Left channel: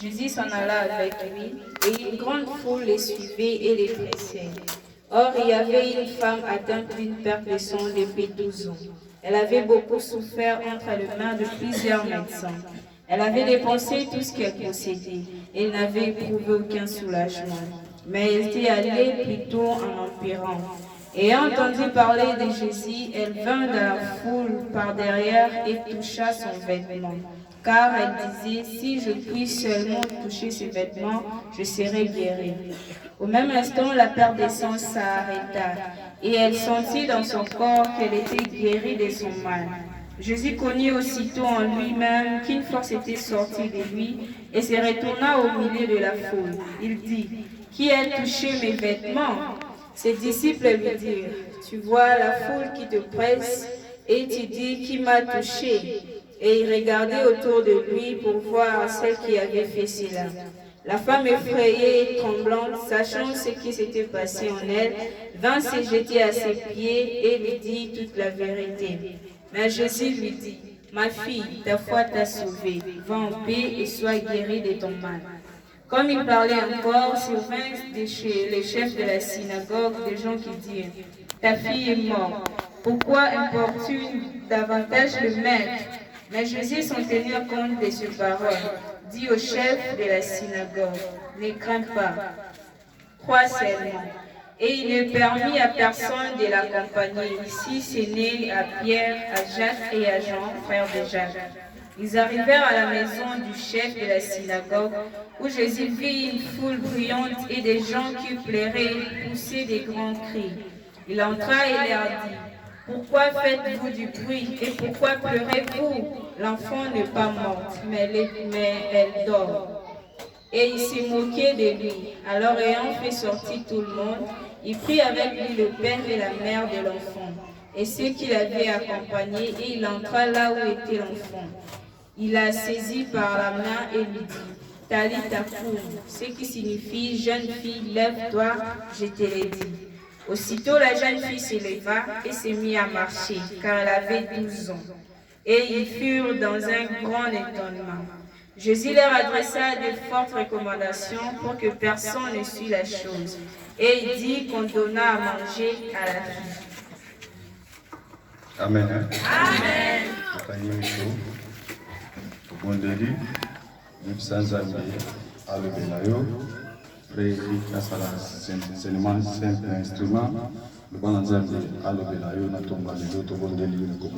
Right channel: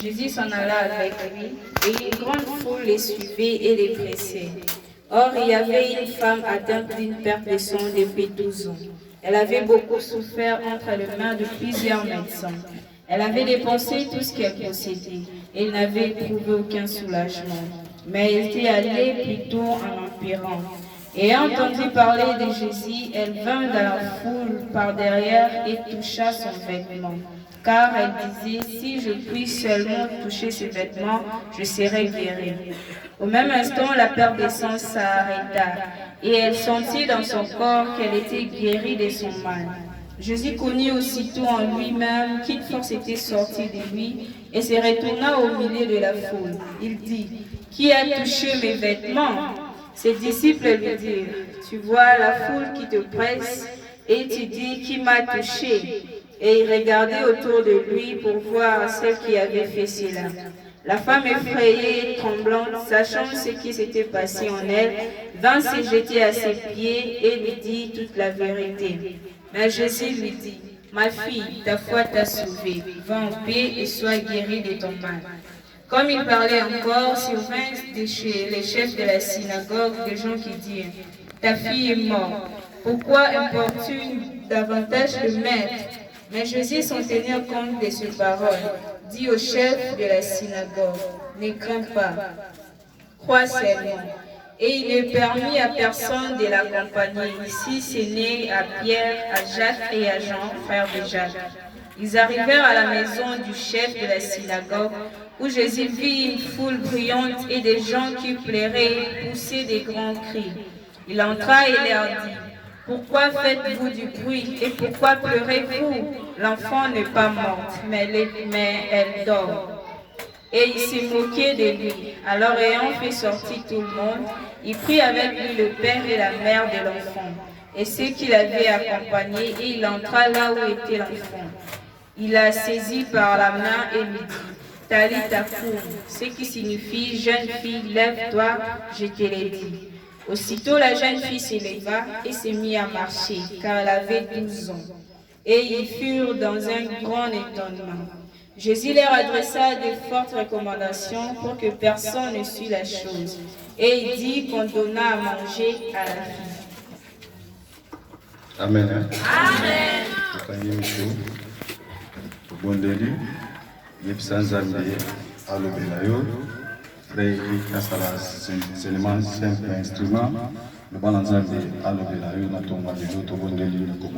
Jésus s'en alla avec lui, et une grande foule les suivait et les pressait. Or, il y avait une femme atteinte d'une perte de sang depuis 12 ans. Elle avait beaucoup souffert entre les mains de plusieurs médecins. Elle avait dépensé tout ce qu'elle possédait, et elle n'avait éprouvé aucun soulagement. Mais elle était allée plutôt en empirant. Ayant entendu parler de Jésus, elle vint dans la foule par derrière et toucha son vêtement. Car elle disait, si je puis seulement toucher ses vêtements, je serai guérie. Au même instant, la perte de sang s'arrêta, et elle sentit dans son corps qu'elle était guérie de son mal. Jésus connut aussitôt en lui-même qu'une force était sortie de lui et se retourna au milieu de la foule. Il dit, qui a touché mes vêtements? Ses disciples lui dirent, tu vois la foule qui te presse et tu dis, qui m'a touché? Et il regardait autour de lui pour voir celle qui avait fait cela. La femme effrayée et tremblante, sachant ce qui s'était passé en elle, vint se jeter à ses pieds et lui dit toute la vérité. Mais Jésus lui dit, ma fille, ta foi t'a sauvée, va en paix et sois guérie de ton mal. Comme il parlait encore, survinrent de chez les chefs de la synagogue des gens qui dirent, ta fille est morte, pourquoi importune davantage le maître? Mais Jésus, sans tenir compte de ces paroles, dit au chef de la synagogue, ne crains pas, crois seulement. Et il ne permit à personne de l'accompagner ici, ce n'est à Pierre, à Jacques et à Jean, frères de Jacques. Ils arrivèrent à la maison du chef de la synagogue, où Jésus vit une foule bruyante et des gens qui pleuraient et poussaient des grands cris. Il entra et leur dit, pourquoi faites-vous du bruit et pourquoi pleurez-vous? L'enfant n'est pas morte, mais elle dort. Et il s'est moqué de lui. Alors ayant fait sortir tout le monde, il prit avec lui le père et la mère de l'enfant, et ceux qui l'avaient accompagné, et il entra là où était l'enfant. Il la saisit par la main et lui dit, Talitha koum, ce qui signifie, jeune fille, lève-toi, je te l'ai dit. Aussitôt la jeune fille s'éleva et se mit à marcher, car elle avait 12 ans. Et ils furent dans un grand étonnement. Jésus leur adressa de fortes recommandations pour que personne ne sût la chose. Et il dit qu'on donna à manger à la fille. Amen. Amen. Simple instrument. Le bon ensemble à l'obélayo, na tomba de l'autre bon de l'île de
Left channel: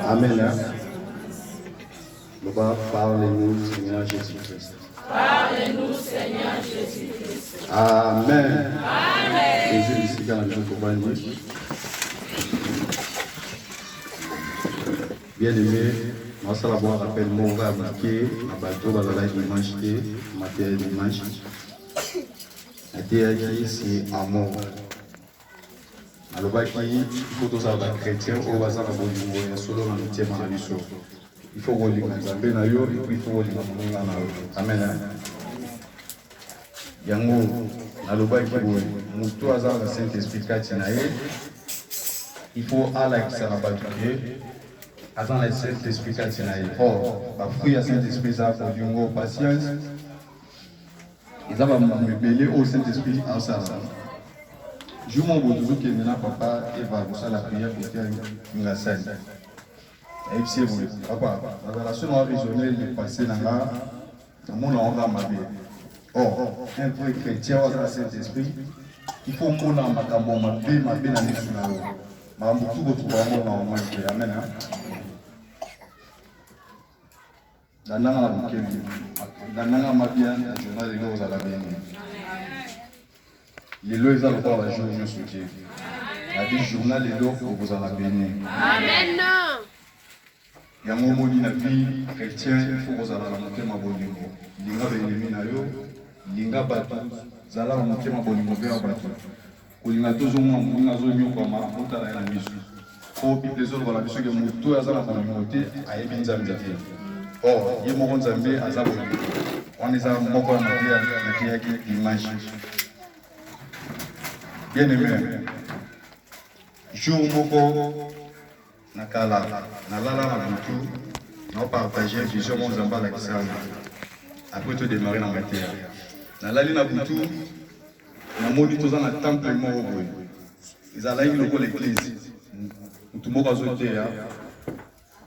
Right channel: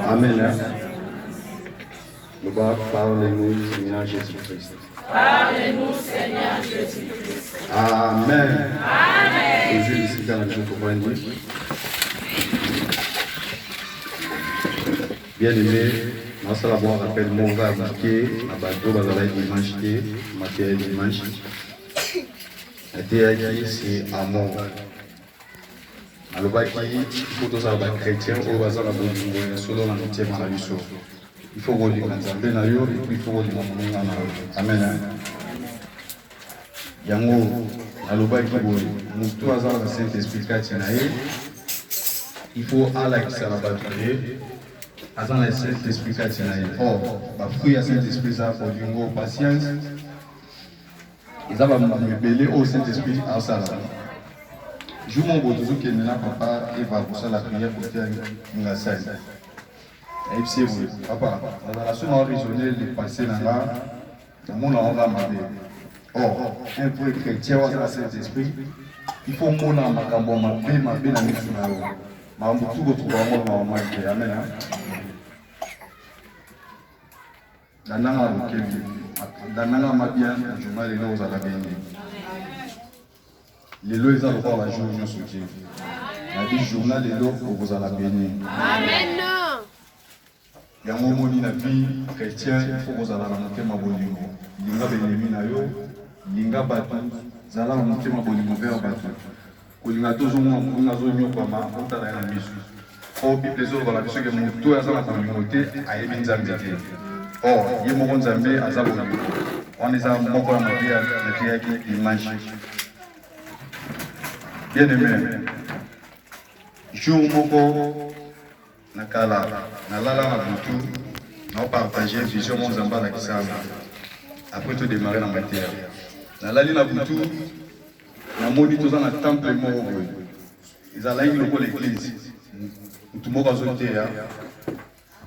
Amen. Nous parlez-nous, Seigneur Jésus-Christ. Parlez-nous, Seigneur Jésus-Christ. Amen. Amen. Jésus ici dans la maison compagnie. Bien aimé, moi ça d'abord rappelle mon gars marqué, à bateau, bazala dimanche, matériel dimanche. La théâtre c'est amour. Alors il faut tous avoir chrétien au bazar de solo dans le thème à la il faut qu'on dise que il faut qu'on dise que amen. Yango aloba kiboy mutu azala na Saint Esprit kati na ye il faut ala kisala batuye azala na Saint Esprit kati na ye or ba fruit ya Saint Esprit ça pour dingo patience ils avaient mebele au Saint Esprit en sala je mon beau que maintenant papa et va pour ça la prière pour faire une salle et puis c'est vous papa la relation a raisonné le passé dans là mon on va m'aber. Or, un vrai chrétien dans le Saint-Esprit, il faut qu'on ait ma cambo, ma bien la mission. Ma tout votre amour, ma amen. Dans la ma bien, le journal est là aux alabénis. Les lois sont encore la journée, je soutiens. La vie journal est là pour vous alabénis. Amen. Il y a un moment dans la vie chrétienne, il faut que vous alabénis ma bonne linga benemi na yo linga batu zala wa motema bolingo pe wa bato kolinga tozomona moninga azonyokwama otala ya na miso o bible ezoloba biso ke moto oyo aza na bolingo te ayebi nzambe te or ye moko nzambe aza bolingo wana eza moko ya mateyaki image bien aimé jour moko nakala nalala na butu naopartage vision mo nzambe alakisanga après tout démarrer na mateya nalali na butu namoni toza na temple moko boye ezalaki lokola église mutu moko azoteya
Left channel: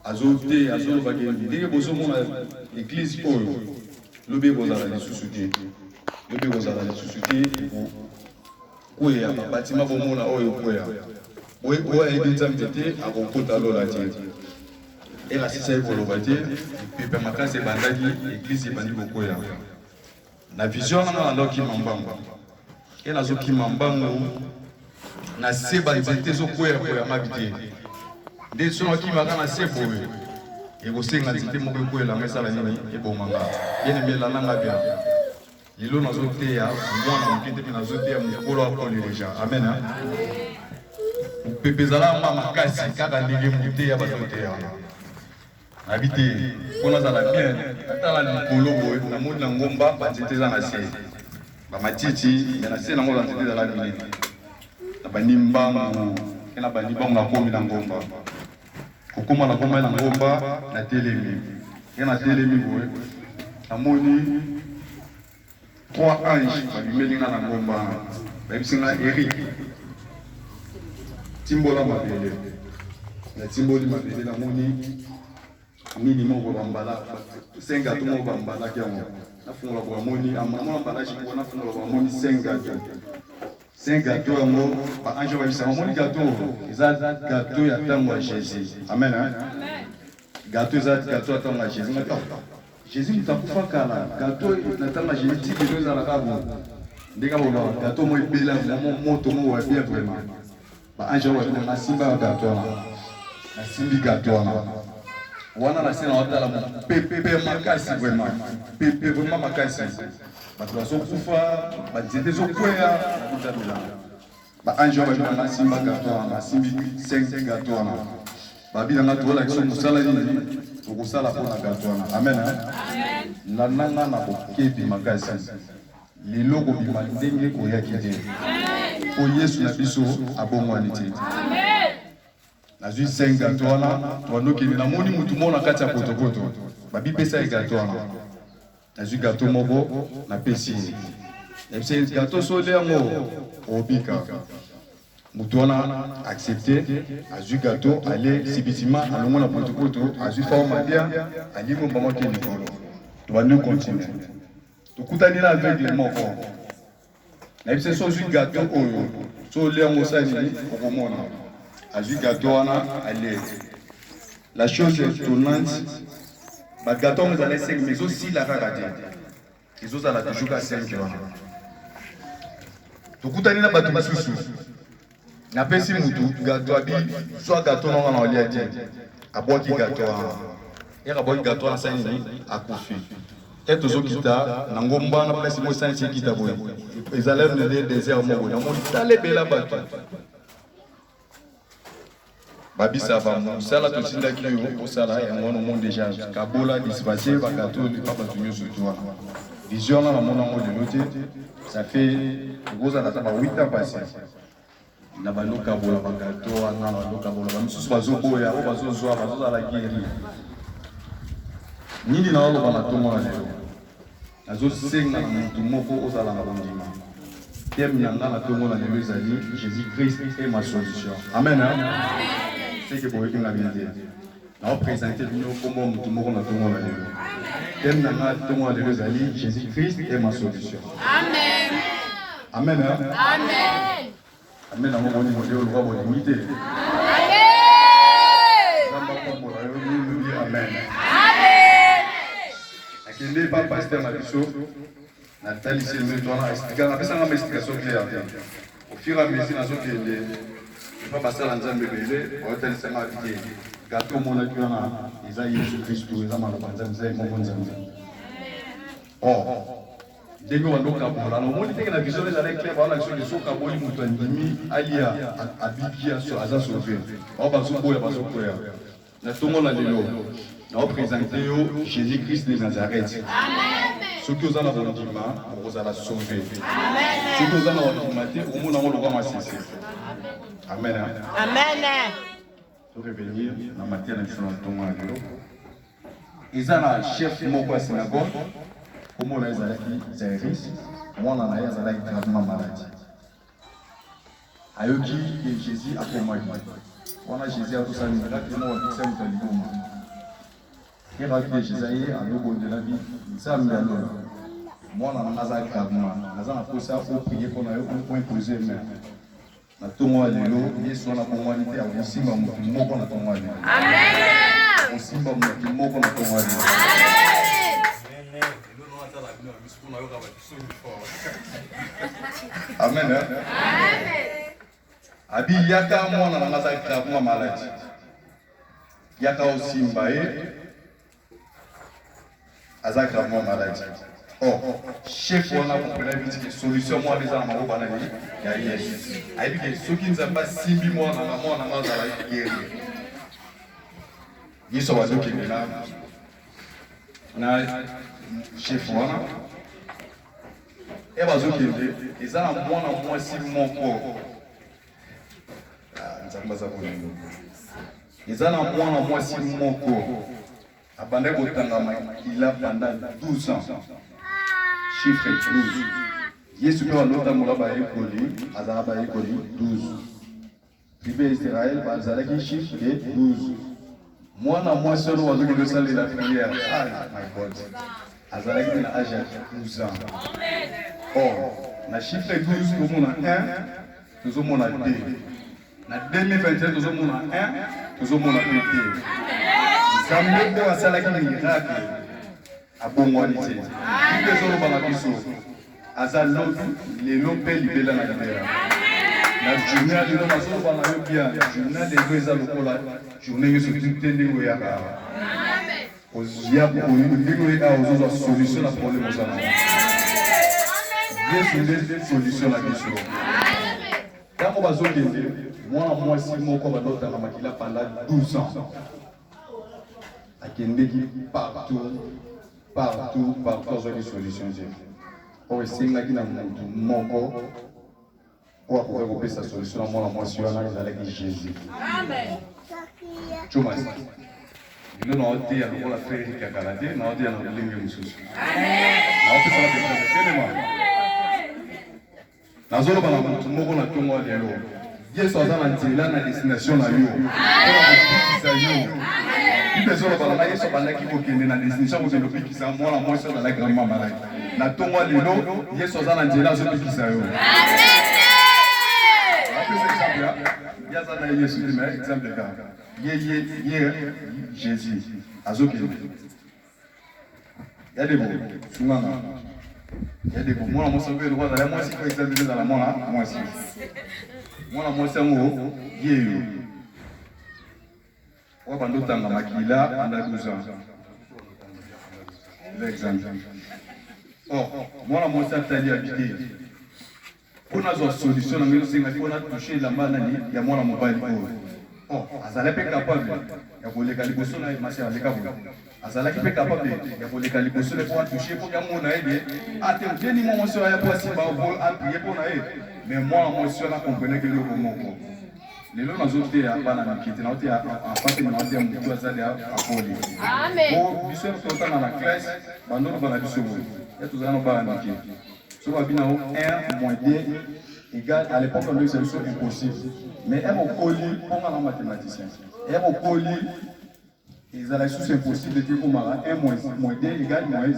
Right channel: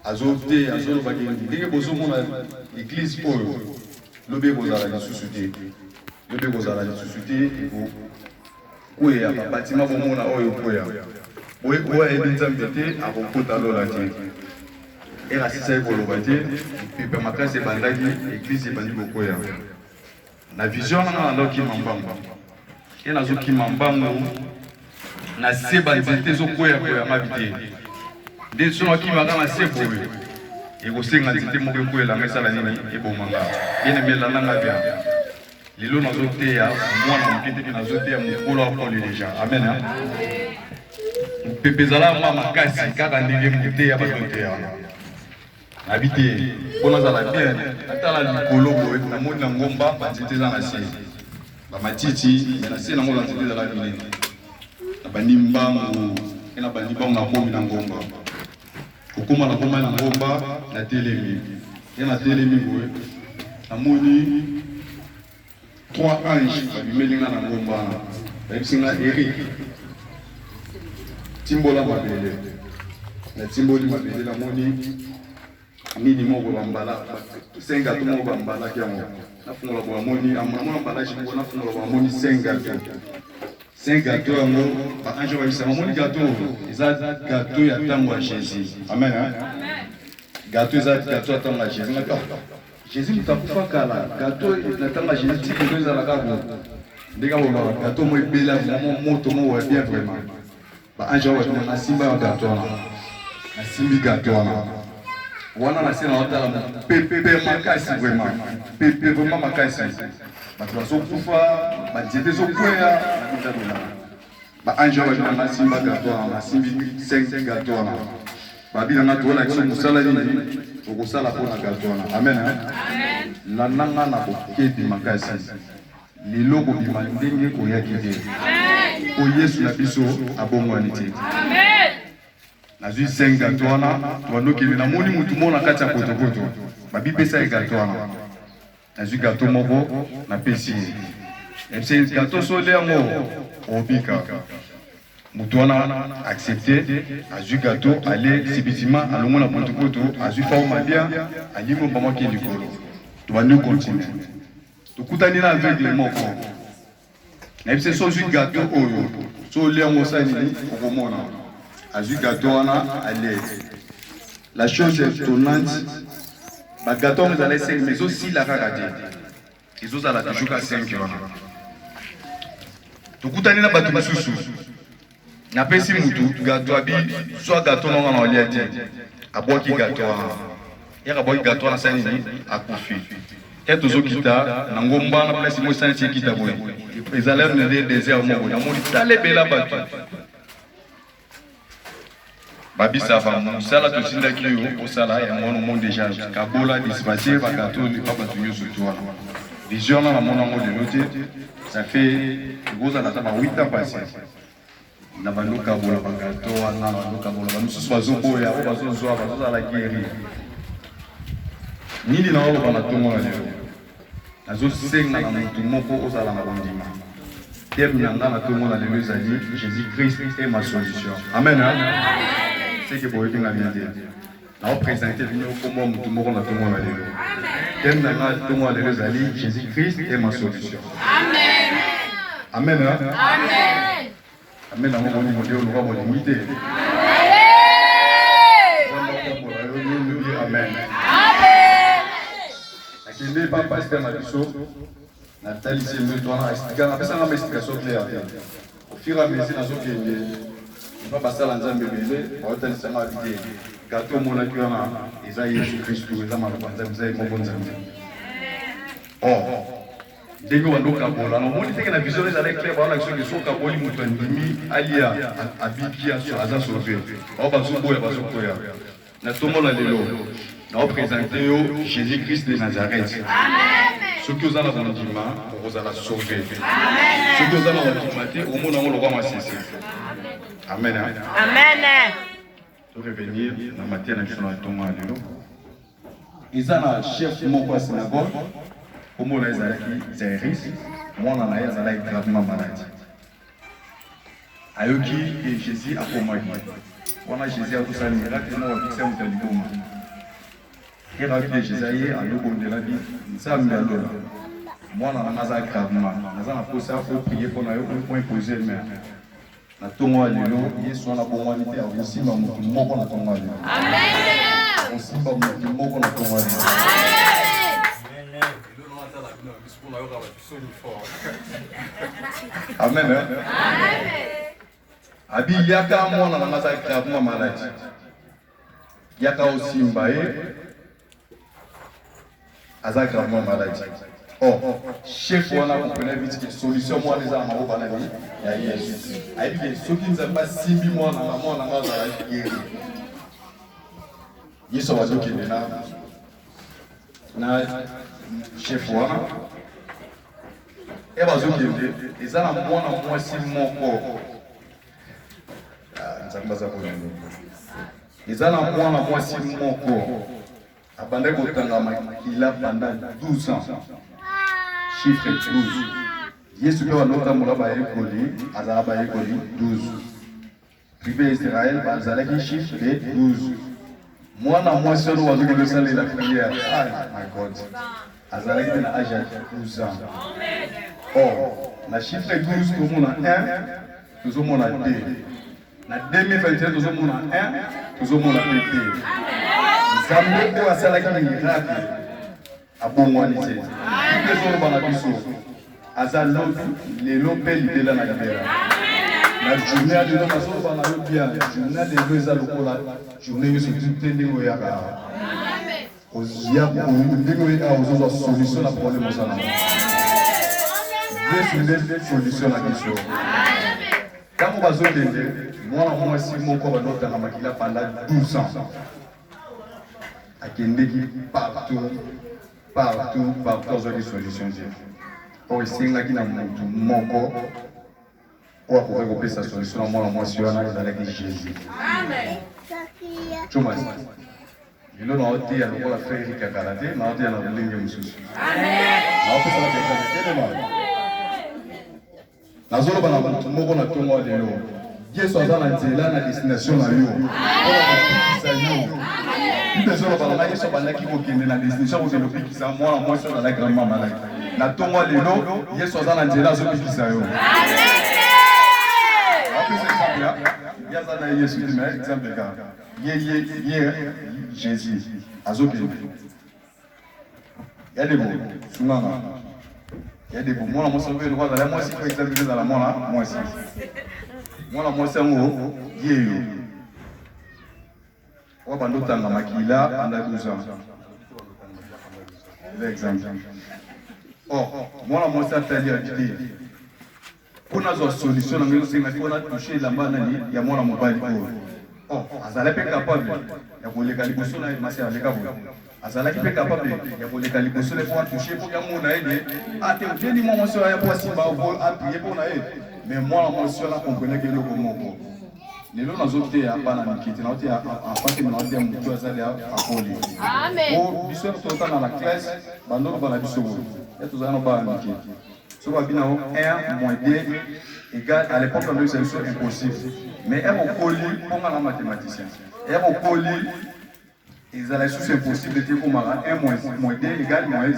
azolobaki ndenge bozomona église oyo lobi ekozala lisusu te ekokweya babatima bomona oyo ekweya oyo ayebi nzambe te akokota lola te erasisaki koloba te pepe makasi ebandaki église ebandi kokweya na vision nanga nazokima mbango e nazokima mbango na se banzete ezokweyakoya mabi te nde soki nakimaka na se boye ekosenga nzete moko ekwelanga esala nini ebomanga ene melananga bia lelo nazoteya mwana moke te mpe nazoteya mokolo apole deja amen pepe ezalanga makasi kaka ndenge moteya bazoteya nabi te mpo nazala bien natala likolo boye namoni na ngomba banzete eza na se bamatiti me na se nango banzete ezala mingi na banimbangu e na banimbangu nakomi na ngomba kokoma nakoma na ngomba na telemi e na telemi boye namoni 3 anges babimelinga na ngomba bayebisinga Eric timbola mabele na timboli mabele namoni nini moko bambala senga to moko bambala kiango nafungola kwa moni amana mbala chiko nafungola kwa moni senga to yango ba anjo ba bisama moni gâteau eza gâteau ya tango ya Jésus amen gâteau eza gâteau ya tango ya Jésus na Jésus mutakufa kala gâteau ya tango ya Jésus ti eza la kabo ndeka bo gâteau mo ebela moto mo wa bien vraiment ba anjo wa na simba gâteau na simbi gâteau wana na sina watala pepe makasi vraiment pepe vraiment makasi bato bazokufa banzete ezokweya nabitamela baange wana nasimba gato nasimbi 5 gato wana babinanga tolakisa mosala nini okosala mpona gato wana amen nananga na bokedi makasi lelo kobima ndenge koyaki te po yesu na biso abongwani te nazwi 5 gato wana twanokeli namoni mutu moko na kati ya potopoto babipesa ye gato wana nazwi gato moko napesi ye gato sole yango obika mutu wana accepte azwi gato ale sibitima alongo na potopoto azwi forme bien alingo mbamaki likolo tobandi continue tokutani na aveugle moko nayebise sozwi gato oyo sole yango osalini okomona azwi gato wana ale la chose étonnante ba gato on ezala 5 mais aussi la kaka te ezozala toujours ka 5 wana tokutani na bato mosusu napesi mutu gato abi soit gato nonga na olia te abwaki gato wana yaka abwaki gato wana sani nini akufi e tozokita na ngomba na place mo sani sekita boye ezala na désert moko namoni talebela bato babisa fa musala to sindaki yo osala ya mwana mo déjà kabola dispatcher ba katoli ba bato yo surtout vision na mona ngo de l'autre ça fait goza na ba 8 ans passé na baluka bola ba gato na baluka bola ba mususu bazoboya o bazozwa bazoza la guerre nini na olo bana tongo na lelo azo senga na mutu moko osala na bandima thème na ngana tongo na lelo ezali Jésus Christ est ma solution amen c'est que boye kinga bien na représenter vino comme mutu moko na tongo na lelo thème na ngana tongo na lelo ezali Jésus Christ est ma solution amen amen amen na moko ni modio lo ba limité amen akende pa pasteur Maliso Nathalie Selme tona expliquer na pesa ngama explication claire au fur et à mesure nazo kende pas passer la nzambe belé au tel sama dit gato mona kiona eza Yesu Kristo eza mala banza mzee mo bonza oh ndenge wando kabola no moni teke na vision ezala clair ba la vision de so kaboli mutu ndimi alia abikia so aza sauvé o ba so boya ba so koya na tomo la lelo na présenter yo Jésus Christ de Nazareth. Amen. Ce que vous avez dans le dimanche, vous allez sauver. Amen. Ce que vous avez dans le dimanche, au monde on le va cesser. Amen. Amen. Pour revenir dans la matière de la tomo la lelo. Ils ont un chef moko à synagogue. Comment les Zaïris, moi on a eu gravement malade. Ayoki et Jésus a commandé. On a Jésus a tout ça, mais là, on va fixer un taliboma. Et là, Jésus a eu un logo de la vie, ça me l'a donné. Moi on a eu gravement. On a posé à prier pour nous pour imposer main. Na tongo alelo, Yesu ana bomwanité a aussi ba mutu moko na tongo alelo. Amen. Aussi ba mutu moko na tongo alelo. Amen. Amen. Abi yaka mwana na maza gravement malade. Yaka aussi mbaye aza gravement malade. Oh, chef wana comprenait vite que solution moi les armes au banani ya Yesu. Ayi que ceux qui n'ont pas simbi moi na maza la guéri. Yesu wa doki là. Na chef wana et bazokende eza na mwana mwasi moko nzambaza kolendo eza na mwana mwasi moko abandai kotanga makila pendant 12 ans chiffre 12 Yesu pe wanotambola bayekoli azala bayekoli 12 tribu Israël bazalaki chiffre de 12 mwana mwasi oyo wazokende osalela prière my God azalaki na âge de 12 ans. Or, na chiffre 12, nous avons 1, nous avons 2. Na 2021, nous avons 1, nous avons 2. Zambe ko asalaki miracle a bongwanize. Tout les autres banabiso. Azalo lelo pe libela na libera. Na journée de l'homme aso bana yo bien, journée de l'homme lokola, journée yo surtout tendengo ya ka. Ozia ko ndingo ya ozo solution na problème osana. Yesu nde solution na question. Quand on va zonder, moi si mon corps va dans la makila pendant 12 ans. Akendeki partout aux solutions Dieu. Or ici là qui n'a mon corps pour recopier sa solution moi si on a avec Jésus. Amen. Chuma. Il nous a dit à nous la frère qui a gardé, nous a dit à nous lingue mususu. Amen. Nous peut ça que nazolo bana bantu moko na tongo lelo Yesu azana nzela na destination na yo ona kopikisa yo ndezolo bana Yesu bandaki kokende na destination ko zelo pikisa mwana mwasi na la grandement malade na tongo lelo Yesu azana nzela zo pikisa yo amen yazana Yesu mais exemple ka ye Jésus azokende ya debo sunana. Il y a des bons. Moi, je suis le roi de la moitié, par exemple, de la moitié. Moi, la moitié, je suis pendant le temps, Makila, pendant 12 ans. L'exemple. Or, moi, la moitié, c'est habité. Pour nous avoir solution, nous avons touché la main, il y a moi, la mobile. Oh, azala pe capable ya koleka liboso na masi aleka bo azala pe capable ya koleka liboso le pour toucher pour ya mona ene ate deni mo so ya pour simba pour appuyer pour na e mais moi moi so la comprendre que le moko lelo nazote ya bana mikiti na ote ya afate na ote ya mtu azali akoli amen o biso tota na la classe bando bana biso ya tozana ba mikiti so ba bina 1 moins 2 égale à l'époque on c'est impossible. Mais elle est poli pour un mathématicien. Elle est poli, ils allaient sous impossible de pour mara 1 moins 2 égale moins 1.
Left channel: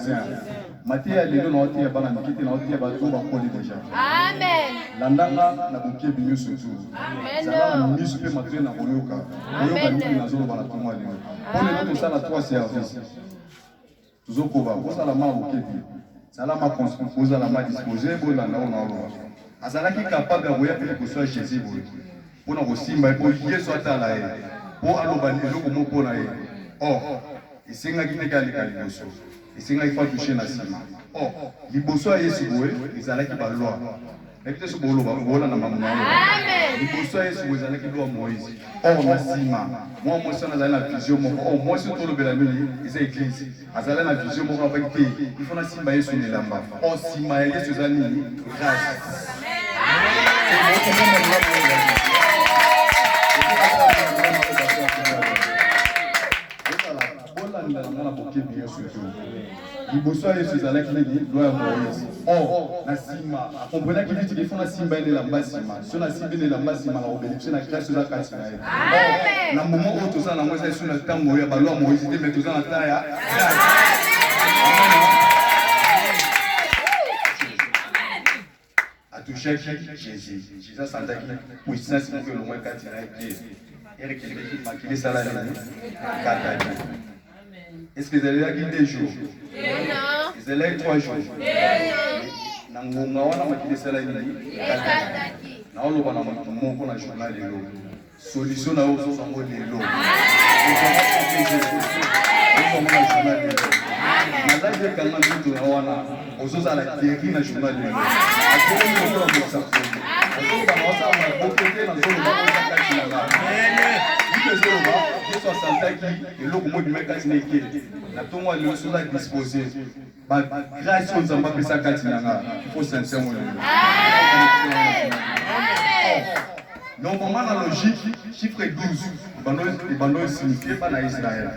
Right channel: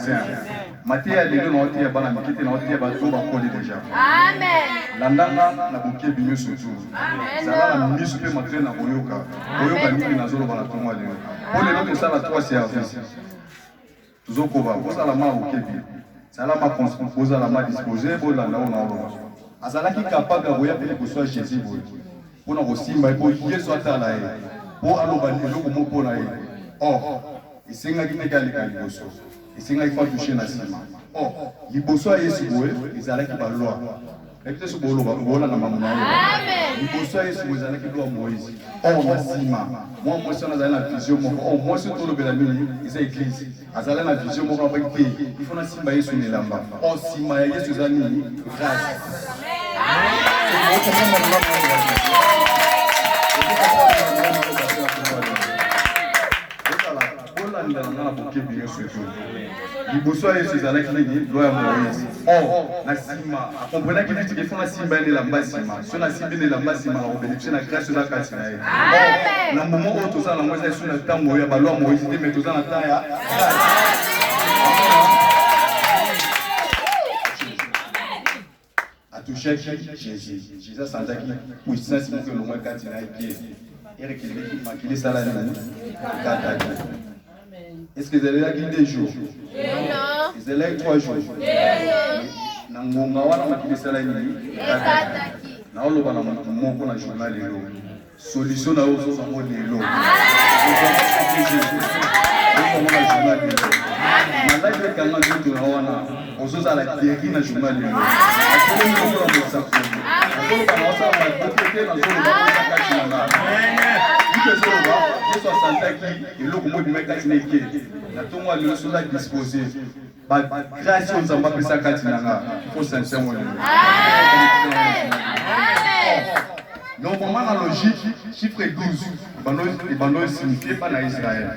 Mathéa les deux n'ont été pas la mikite n'ont été pas tout poli déjà. Amen. Landanga na buke binyo surtout. Amen. Ça va la ministre peut matériel na boyoka. Boyoka ni na zolo bana tonga leo. Pour les autres ça la 3 services. Tuzoko ba vous ala ma buke bi. Ça la ma vous ala ma disposer pour la na ona. Azalaki capable de voyer pour soit Jésus pour nous simba pour Yesu atala e pour aloba eloko moko na e oh isinga kineka likaliboso isinga ifa toucher na sima Oh, liboso ya Yesu boye ezalaki ba loi. Ekite so bolo ba ngola na mamu na yo. Liboso ya Yesu boye ezalaki loi Moïse. Oh na sima. Moi Moïse na zala na vision moko. Oh Moïse to lobela nini eza église. Azala na vision moko avec te. Il faut na simba Yesu ne lamba. Oh sima ya Yesu ezali nini? Grâce. Liboso ya Yesu ezalaki nini? Loi ya Moïse. Oh, na sima, comprenez que tu défends la simba et la basima. Si on a simba et la basima, la bénéficie la grâce de la grâce. Oh, dans le moment où tu as la moitié sur le temps, il y a la loi Moïse, mais tu as la taille. À toucher Jésus. Jésus sans dire puissance pour que le moins quand il a pied. Et qu'il m'a quitté ça là. Est-ce que vous allez là des jours? Vous allez 3 jours. Nangonga wana makile sala ni. Na oloba na moko na journal lelo. Solution na ozo zango lelo. Na live kanga ndio na wana. Ozo za la guéri na journal lelo. Akolo ndio na motsa. Akolo ba mosa ma bokete na zolo ba mosa kati na nga. Dit zolo ba, Yesu asantaki eloko mo dimeka tineke. Na tongo lelo sola disposer. Grâce aux enfants que ça katinanga, il faut sincèrement. Normalement, la logique, chiffre 12, les bandeaux signifient pas dans Israël.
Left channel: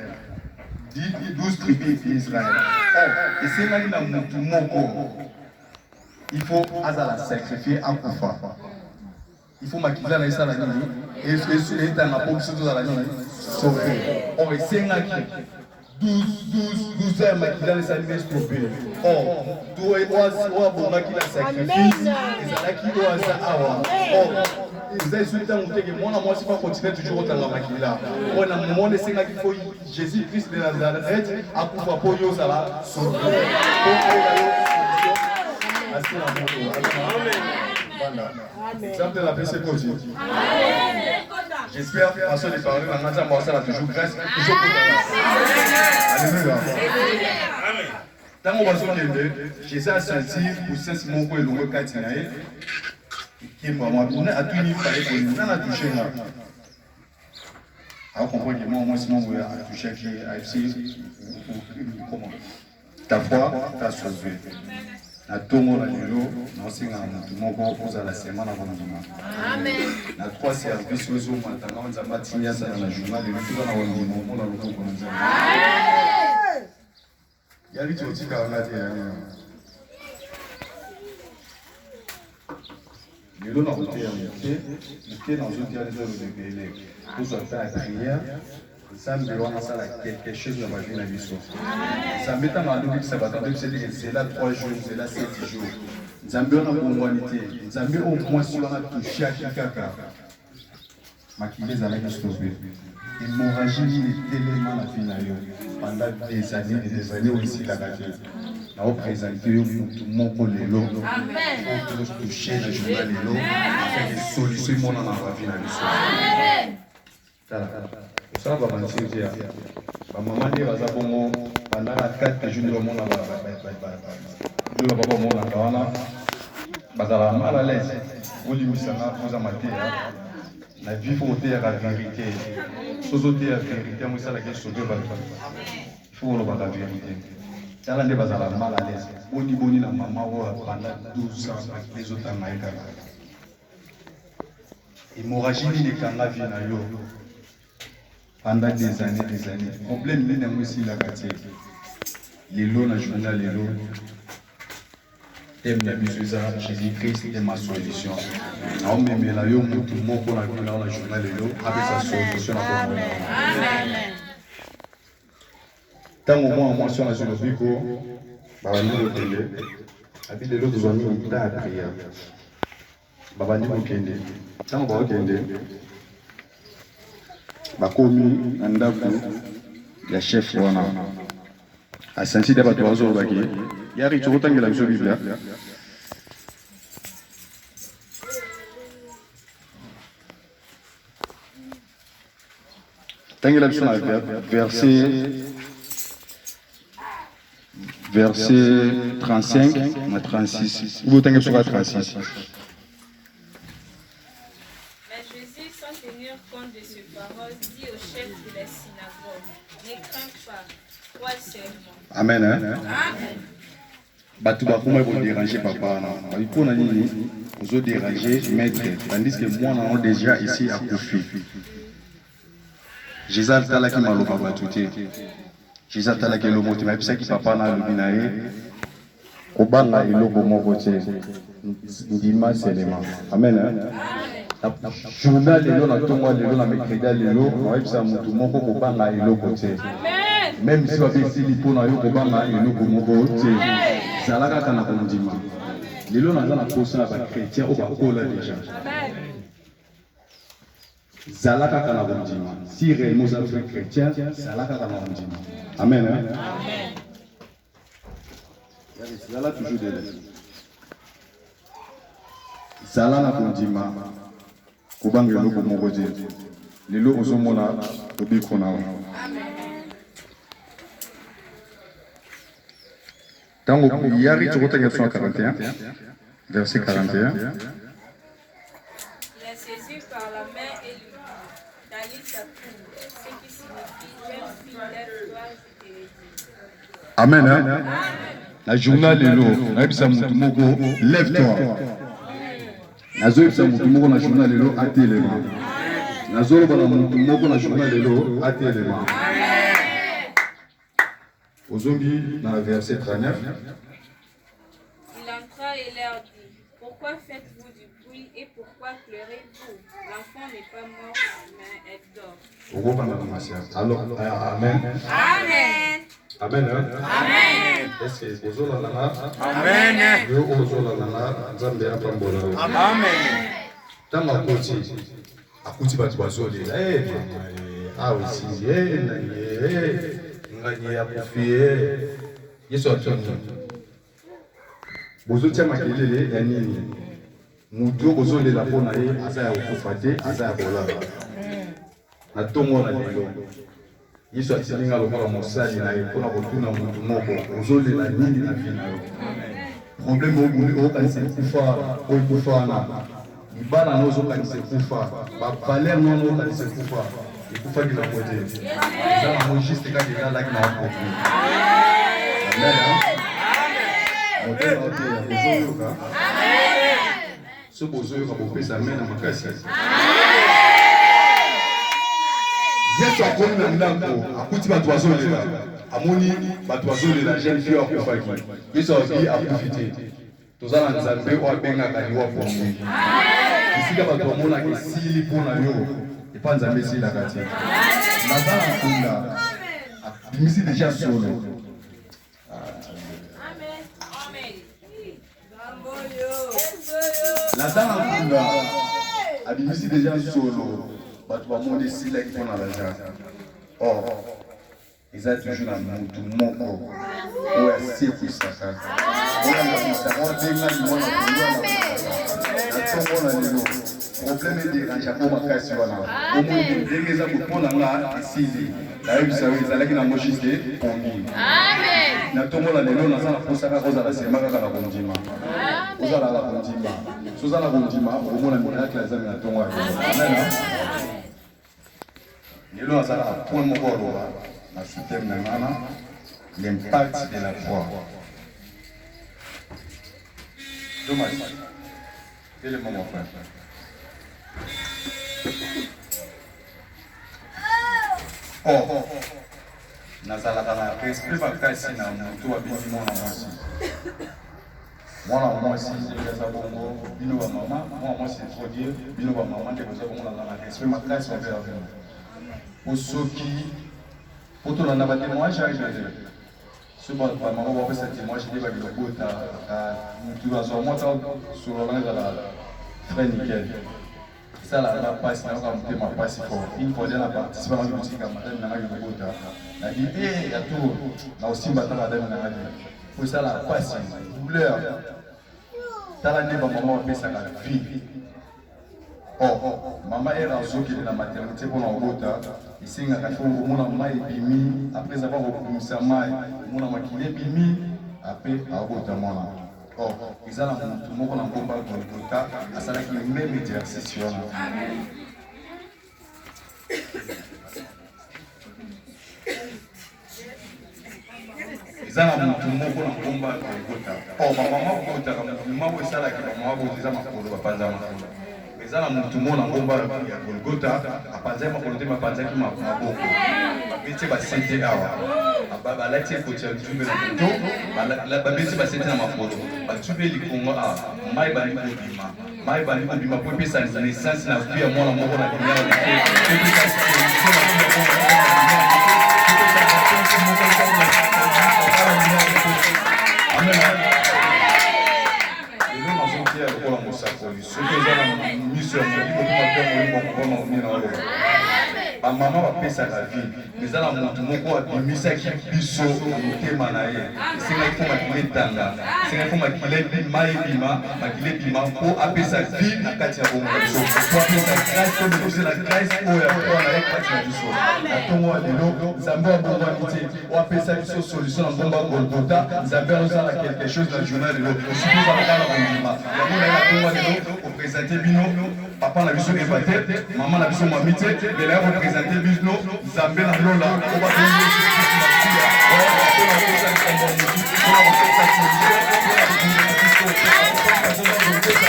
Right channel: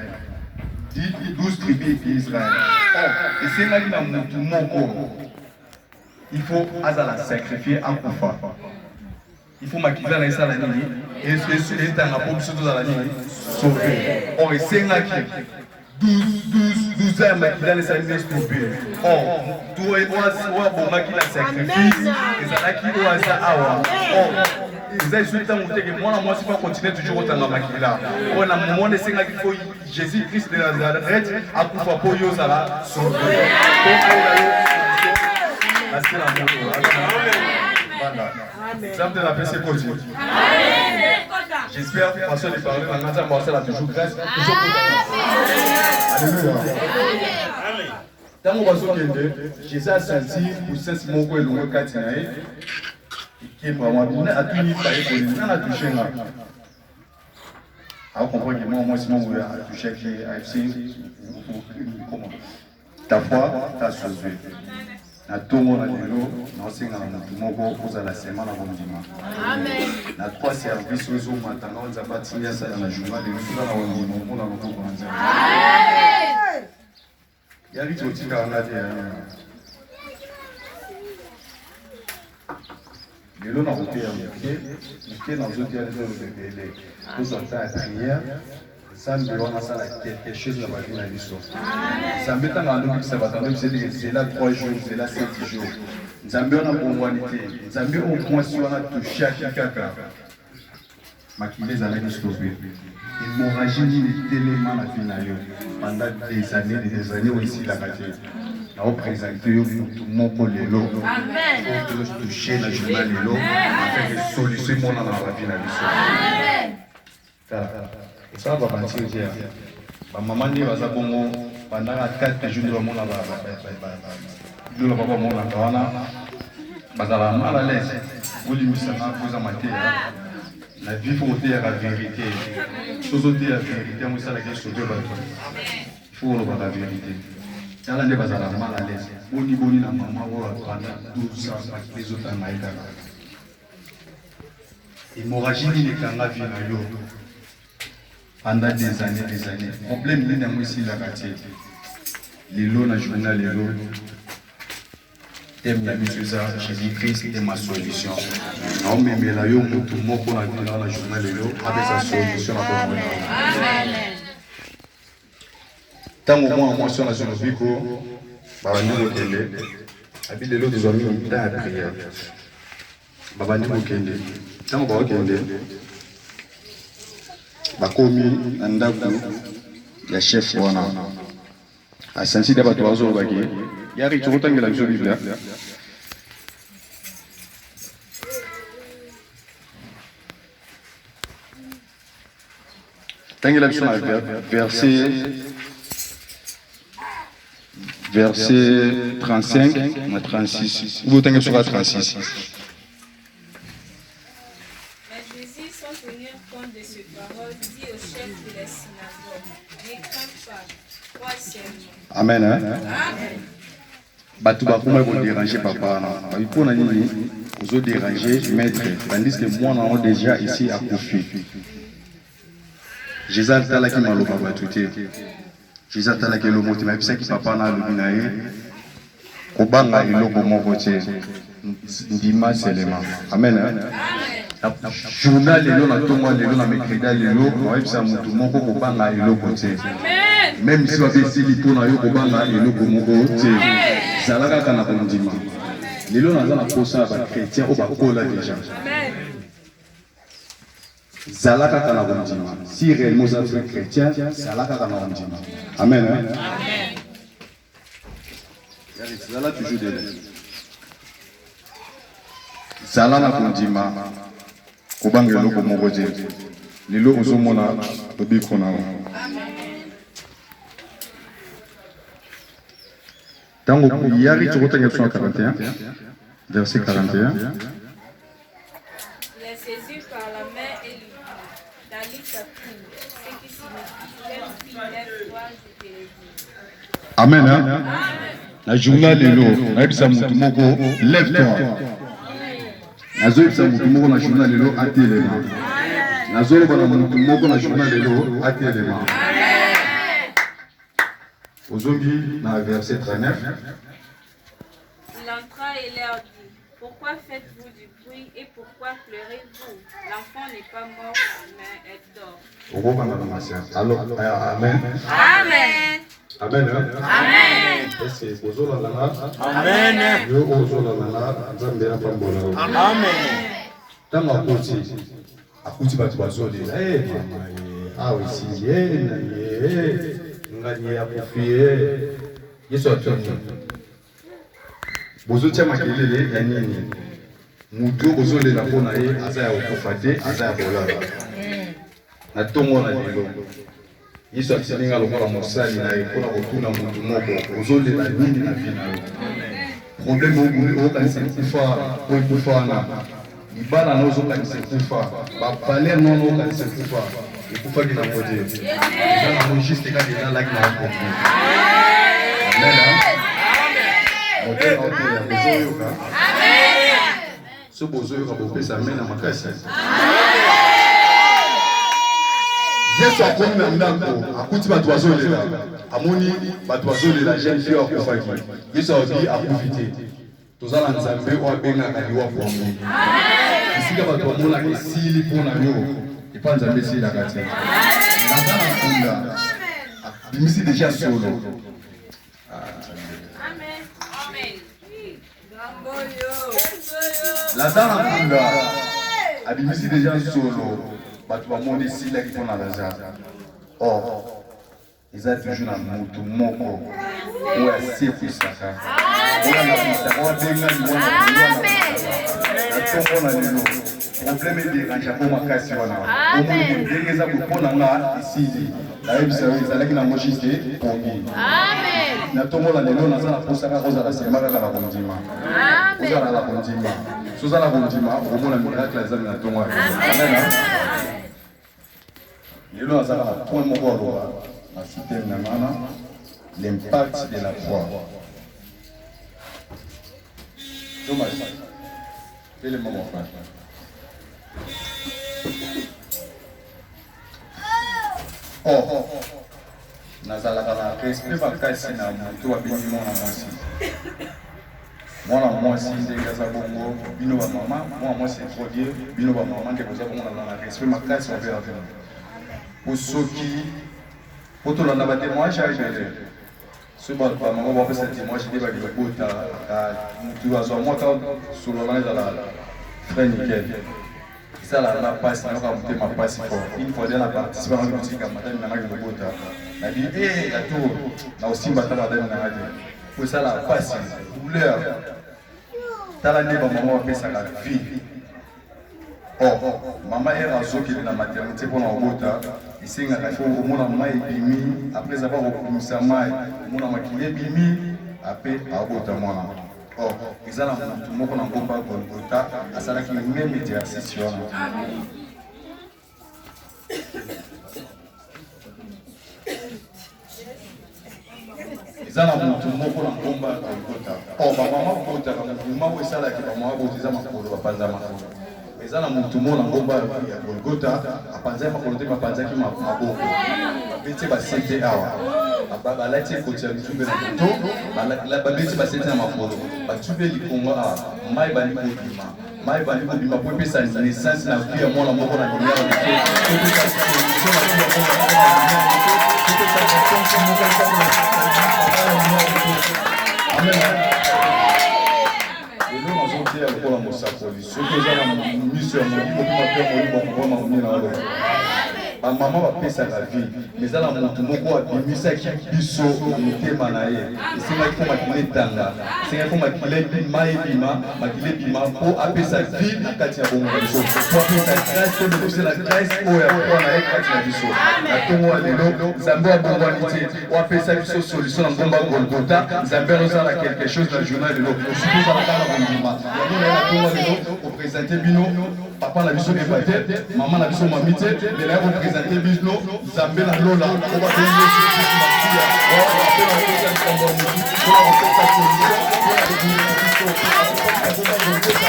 Dit 12 tribus d'Israël. Oh, et c'est là qu'il a mon corps. Il faut Azala sacrifier à Koufa. Il faut maquiller dans Israël et sur les temps, la pompe surtout dans la nuit, sauver. Oh, et c'est là qu'il 12 ans makila les animés stoppés. Oh, toi et moi, bon makila sacrifice. Et ça là qui doit ça awa. Oh, ils ont insulté mon que moi si pas continuer toujours autant la makila. On a moment de c'est là qu'il faut Jésus Christ de Nazareth à pouvoir pour yo ça là sauver. Voilà. Exemple de la paix c'est continue. J'espère que la façon de parler dans le matin, ça a toujours grâce, toujours pour alléluia. Dans mon bateau, Jésus a senti pour 5 mots et le 4 naïs. Qui est vraiment bien, a tout mis par les policiers, a touché là. Alors, comprendre que moi, si mon a touché qui a essayé, comment ta foi, ta sauvé. Na tongo na lelo na osenga na mutu moko ozala sema na bondima. Amen. Na 3 services ozo matanga nzamba tinya sala na journal lelo fika na bondima mona loboko na nzamba. Amen. Yali totika ngati ya. Lelo na kote ya muke na zote ya lelo bebele. Ozo ta prière. Samedi, on va faire quelque chose de la vie dans l'histoire. Samedi, on va faire c'est là 3 jours, c'est là 7 jours. Zambi, on a pour humanité. Zambi, au moins, si on a touché à quelqu'un, maquillé, ça va stopper. L'hémorragie est tellement la finale. Pendant des années, on ici la gâté. On va présenter tout le monde pour les lots. Amen. On peut toucher la journée les lots. On fait des solutions dans la vie dans l'histoire. Amen. Ça va mentir dire. Ma maman dit va ça bon pendant 4 jours de mon là de la papa mon là wana bazala mal à l'aise. On lui ça na poser maté la vie faut dire la vérité. Chose dire la vérité moi ça la question de ba. Il faut le la vérité. Ça là ne bazala mal à l'aise. Boni la maman pendant 12 ans les autres en maïka. Hémorragie ni kanga vie na yo. Pendant des années. Le problème, il y a ici la quartier. Les lots, la journée, les lots. Thème la mise à Jésus-Christ est ma solution. On me met là, tout le monde pour la journée, les lots, avec sa solution. Tant au moins, moi, sur la zone de Bico, Babani Mokende, habite les lots des amis, dans la prière. Babani Mokende. Tant au Mokende. Bakomi na ndako ya chef wana asanti da bato bazo baki yari chokotangela biso biblia tangela biso na verset verset 35 à 36. Vous tenez sur la 36. Mais Jésus, sans tenir compte de ces paroles, dit au chef de la synagogue, ne crains pas, crois seulement. Amen. Hein? Amen. Batu bakuma vont déranger papa. Il faut nous déranger maître. Tandis que moi, on est déjà ici à Kofi. Jésus a tala qui m'a l'oba batouté. Jésus a tala qui le mot. Mais c'est qui papa na l'ubinaye. Kobanga iloko moko tse. Ndima selema. Amen. Hein? Journal lelo na tongo lelo na mekreda lelo. Moi bisa mutu moko kobanga iloko tse. Même si on fait ici pour na yo kobanga iloko moko tse. Zalaka kana kondima. Lelo na zala posa ba chrétien o ba kola déjà. Zalaka kana kondima. Si réellement vous êtes chrétien, zalaka kana kondima. Amen. Hein? Amen. Zala toujours de l'aide. Zala na kondima. Kobanga eloko moko te. Lelo ozomona tobiko na. Tango Yari, tu retournes sur 41, verset 41. Il est saisi par la main et lui dit, Dalit Tatou, ce qui signifie, jeune fille, lève-toi, je te l'ai dit. Amen. Hein? La journée de l'eau, lève-toi. La journée de l'eau, attends-les-moi. La journée de l'eau, attends-les-moi. Au zombie, dans le verset 39. Il entra et leur dit, pourquoi faites-vous du bruit et pourquoi pleurez-vous? L'enfant n'est pas mort, mais elle dort. Alors, amen. Amen. Amen. Amen. Est-ce que vous avez la Amen. Yo ozola la nzambe ya pambola. Amen. Tanga akuti batu bazoli. Mama ah aussi ngani ya kufie. Yesu atoni. Bozotia makelele ya nini? Mutu bozole la pona ye aza ya okufate, aza ya bolala. Na tongo na lelo. Yesu akisinga lokola mosali na ekona kotuna mutu moko. Bozole la nini na vina yo. Problème au kanisa kufa au kufa na ibala na ozo kanisa kufa ba palais non au kanisa kufa et kufa qui na côté ça mon juste quand il a la qui m'a compris amen mon père a été amen ce bozo ka bopé ça mena makasi Yesu akomi na ndako akuti batu bazolela amoni batu bazolela jeune fille akufaki Yesu abi akufite tozala nzambe o abengaka liwa pongo esika bato bamona esili mpona yo epa nzambe esilaka te nazala nkunda bimisi deja solo nazala nkunda abimisi deja solo bato bamona esilaki mpona lazare or eza toujours na mutu moko oyo asekwisaka oyo anabisaka wabenga limwana natongo na lelo problème ederange po makasi wana omoni ndenge eza kopona nga esili nayebisa yo ezalaki na mojiste pongi natongo na lelo naza na posaka kozala sema kaka na kondima ozala na kondima sozala kondima okomona miracle azali na tongo amena lelo nazala na point moko aloba na système na ngana l'impact de la foi. Dommage. Quel est le moment frère? Oh, nazalaka na esprit makasi na moto abindi mwana mwasi. Mwana mwasi ndenge aza bongo bino ba mama, mwana mwasi introduire bino ba mama ndenge boza komona na esprit makasi va faire avec. Osoki pour tout le monde, témoignage à gérer. Ce bon, maman va faire ce témoignage, il va dire que tu vas avoir sur le langage de la frère nickel. Ça, la passe, on va monter ma passe fort. Une fois, elle a participé à la boutique à madame Namaga de Bota. Elle a dit, hé, il y a tout. Là aussi, on va faire madame Namaga. Pour ça, la passe, douleur. T'as la débat, maman va faire ça la vie. Oh, maman est rassurée qu'il est dans la maternité pour la Bota. Ici, il faut au moins mai bimi après avoir recommencé mai, mon maquillé bimi après abota mwana or ezala mutu moko na ngomba Golgotha asalaki même exercice wana ezala mutu moko na ngomba Golgotha or bamama botaka mouvement oyo esalaki bamama botiza makolo bapanza makolo ezala mutu moko na ngomba ya Golgotha apanzaki makolo te bapanzaki maboko babeti basete awa balati ekoti ya litube na moto babeti basete na makolo batube likongo awa mai bali kobima mai bali kobima po epesa naissance na vie ya mwana moko na lumière de Dieu epesa solution na vie ya mwana moko na lumière de Dieu epesa vacances moko esali na amen lelo nazotia lokola mosakoli soki oza na miso ya molimo mpo mpe molimo akobona omina oyo bamama bapesaka vie ezala motu moko abimisaki biso motema na ye esengaki mpo makila etanga esengaki mpo makila ebima ebima makila ebima mpo apesa vie na kati ya bongo na biso mpo apesa grâce to mekose na grâce oyo akoa na ye kati na biso na ntongo ya lelo nzambe abongwani te oapesa biso solution na ngomba Golgotha nzambe azosala quelque chose na journal lelo soki ozalaka na bondima yango na ye na ntongo ya lelo opresente bino papa na biso eba te mama na biso mami te lelo ya kopresente biso nzambe na lola oba bengi yesu kristu masiya mpona kokosa likambo ya motu mpona kopesa solution mpona kobundela biso akopesa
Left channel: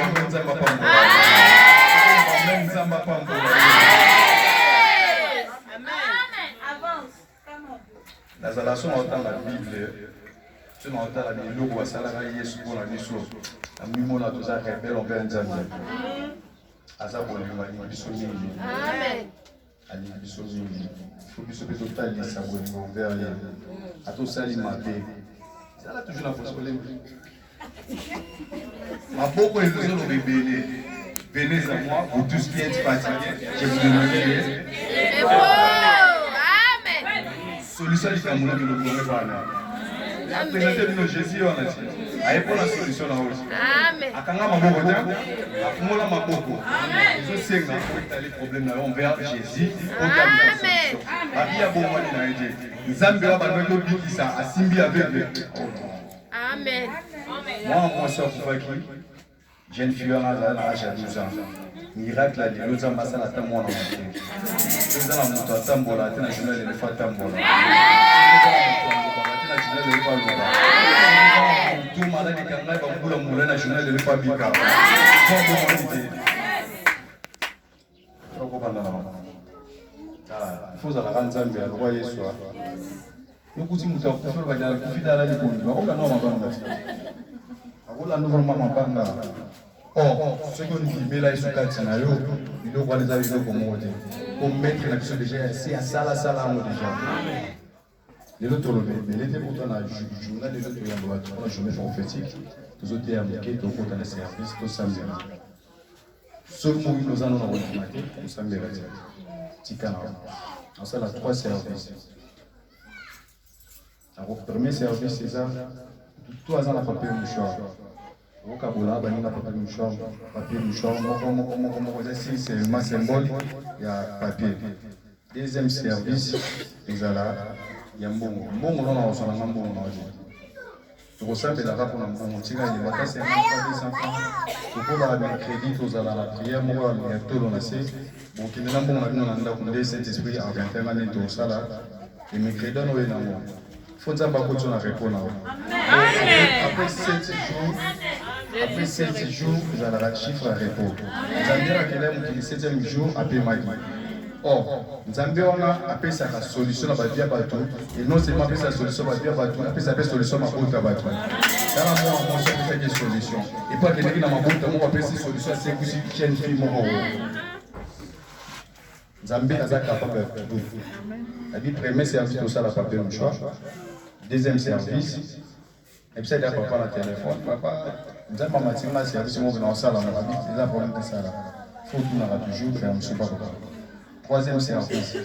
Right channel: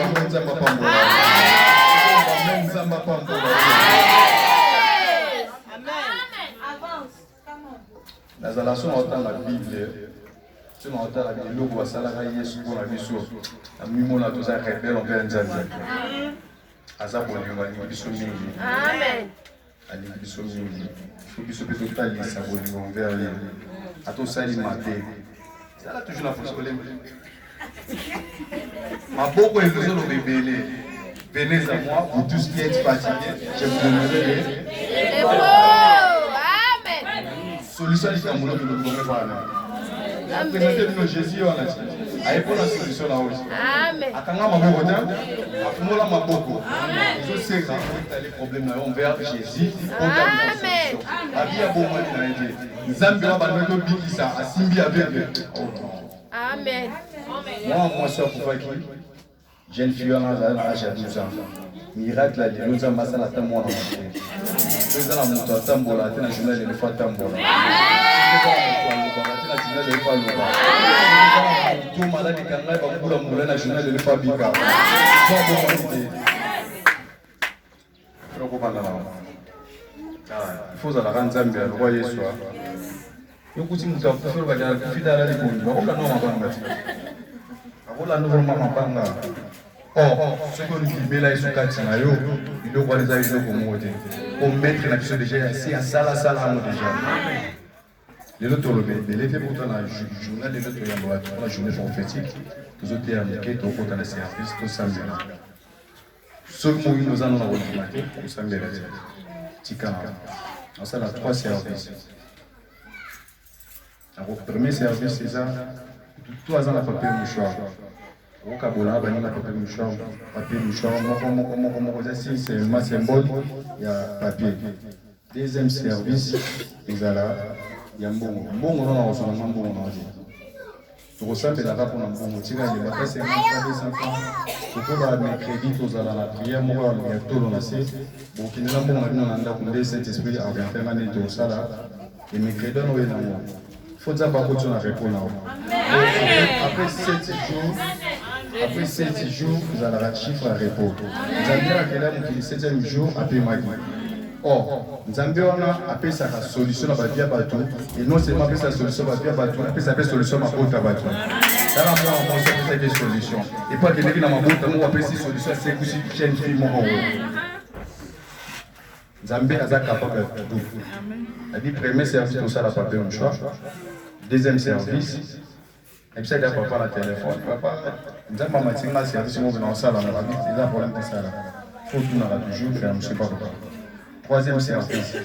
ngomba Golgotha nzambe apambola nzambe apambola nazala so na otanga bible so na otala biloko basalaka yesu mpona biso na mimona toza rebele envers nzambe aza bolingo alingi biso mingi alingi biso mingi fo biso mpe totalisa bolingo envers ye atosali mabe ezala toujours na posoleme maboko ezoloba ebele venez à moi vous tous qui êtes fatigués je vous donnerai solution likambo na biloko ngombe bana apresente bino jésus wana ti ayepona solution na oyo akanga maboko te afungola maboko ezosenga oetali problème na yo envers jésus otalisa solution abi ya bomwani na ye te nzambe wa bando tobikisa asimbi aveugle amen mwana mwasi akufaki jeune fille wana azali na age ya 12 ans miracle ya lelo nzambe asala ata mwana moke eza na moto atambola te na journal elefa atambola to maladi kangai bambula mbula na journal elefa bika ifo ozalaka nzambe alokwa yesu yokuti moto akufi olobaki akufi dala libondi bakolanda wa mabanga ti akolanda vraimen mabanga soki olibimela yesu kati na yo biloko wana eza biloko moko te ometre na biso deja yasi asalasala yango deja lelo toloba ebele te mpota na journal lelo toyambola na journée prophétique tozoteya moke tokota na service tosambela soki moyino oza no na kondima te kosambela te tika na osala 3 service donc premier service eza to aza na papier mouchoir okabola bani na papier mouchoir moko eza c'est symbole ya papier deuxième service ezala ya mbongo nona osalanga mbongo na oje tokosambelaka mpona mbongo tika yebaka 50 tokoba mercredi tozala na prière moko ya tolo na se bokendela mbongo na bino na ndako nde saint esprit argentema nde tokosala emercredi wana oye nango fo nzambe akoti na repos na yo après 7 jours ezalaka chiffre ya repos nzambe akela mokili 7e jour apemaki or nzambe wana apesaka solution na bavi ya bato et non seulement apesa solution bavi ya bato apesa mpe solution mabota bato tala mwana mwasi apesaki solution epo akendeki na mabota moko apesi solution asekusi chaine fille moko oyo nzambe aza capable ya tout abi premier service tosala papier mouchoir deuxième service ebisali ya papa na telefone papa nzambe amatinga service moko na osala ngo abi eza problème tosala faut tunaka toujours faire monsieur papa troisième service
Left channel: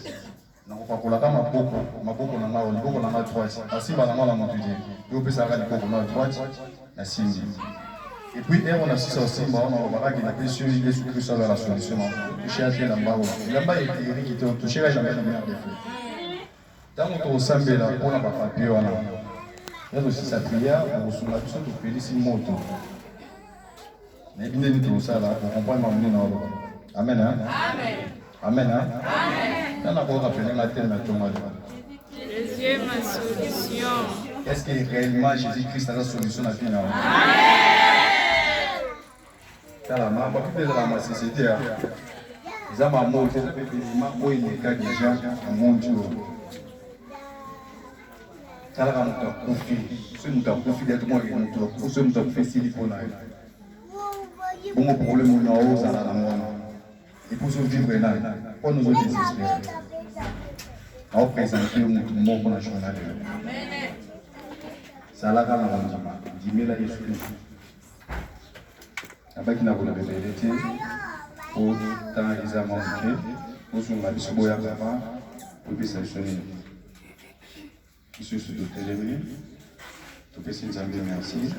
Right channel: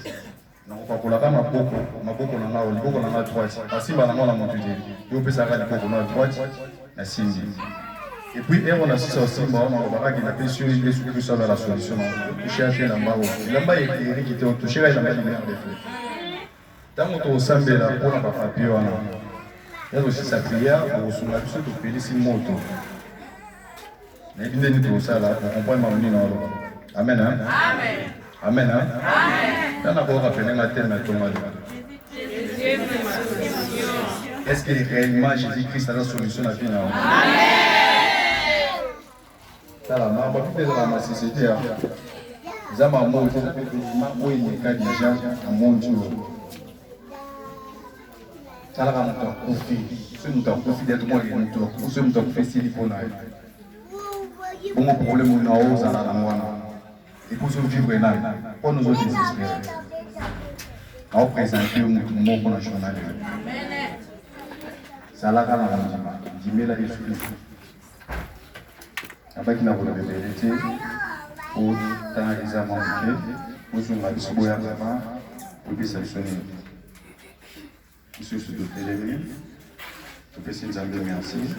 nakopakolaka maboko na nga liboko na nga droite asimba na nga na motu te yo opesaka liboko na droite na simbi Et puis, on a aussi, on va qui n'a pas su que ça va la solution. Toucher à la mbaou. La mbaou est qui te touché à la mbaou de fait. Tant qu'on s'en met là, on n'a pas papier, on a. Il y a aussi sa prière pour se mettre sur le pays si moto. Mais il y a tout ça là, on comprend m'amener dans l'eau. Amen. Amen. Amen. Amen. Dans la voie rappelée, la terre n'a pas est-ce que réellement Jésus-Christ a la solution à finir? Ça la main, pas plus de la société. Les hommes à monter, où il y a des gens à monter. Ça la main, on confie. Si nous avons confié d'être moi, nous sommes confiés si il faut naître. Bon, mon problème, on a osé à la moine. Et pour se vivre là, pour nous autres désespérer. On présente le mot pour la journée. Ça la gamme dit mais la Jésus. Avec la volonté de vérité, pour dans les amants nous sommes à disposer avant pour que ça sonne. Monsieur le téléphone, pour que c'est un merci.